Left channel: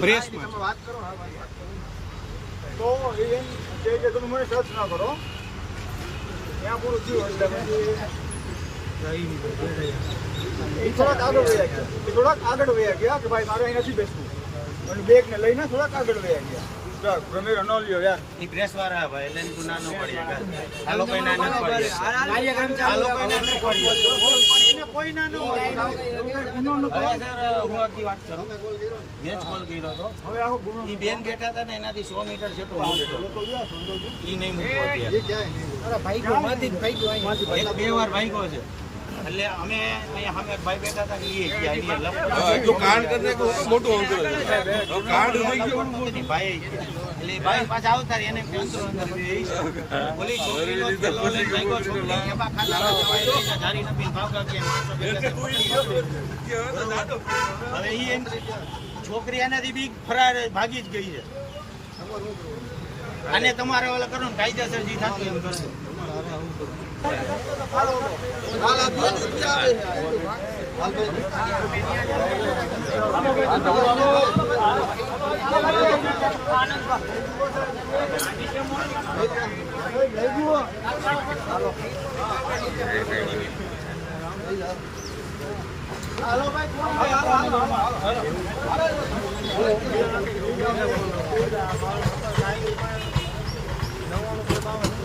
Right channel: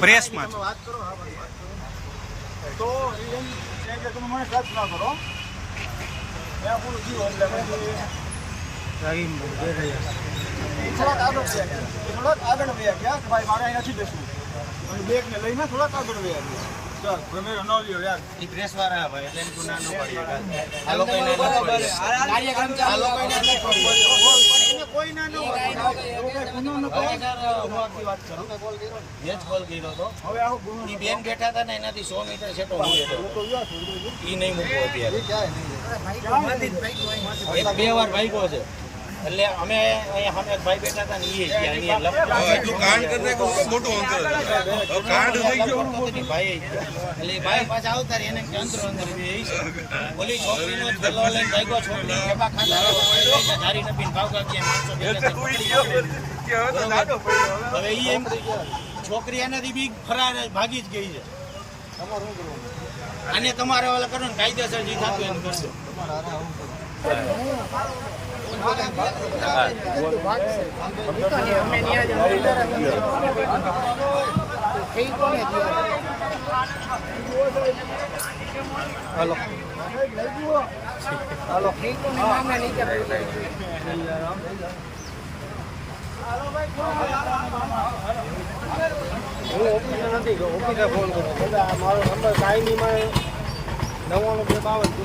પ્રેસમાં વાત કરો. હા વાત કરો. તો એમ છે કે તમે મને ટચ ના કરો ત્યાં પૂરું થયું એટલે પછી થોડાક આગળ વયા ગયા કે ભાઈ મારે અહીં નથી બેસવું બેગ ને લઈને થોડાક આગળ વયા ગયા. પ્રમેર ન લ્યો યાર ઈ પ્રેસ વાળા ભાઈ એટલે એનું નાનો પડી આ લોકો ના પડી કાર્યક્રમ ચાલુ એને કોઈ ના ન હોય ગુનો ન થાય સર હું આખી વાત કરું મેં કોલ કર્યો તો હવે આવો ગુનો ઈ બેન બેઠા હતા ને એનાથી 100 મીટર છે તો હું બેઠો ઈ નહીં મૂકવો અત્યારે એક બે વાર ભાગ્યો છે એટલે અમે અહીંયા સામે એક ભાઈ બેઠા હતા ને ઈ એટલું કાંડ કરીને મોટું અંતર કાંડ થઈ ગયો ભાઈ એટલે ભાઈ પાછા આવતા રહી એને અંતરો અંદર ઓલી છોકરીનો થેલો લઈને ભાગ્યો છોકરી કેપા ખાતા જારી નપીને ભાવગા કે માણસો હવે ઈ એમ છોકરી એનાથી બી ફરાર ભાગી જ ગઈ છે. આને તમારે ઓલા કરો ને કાયદેસર જે થતું એમ કરજો. નંબર 99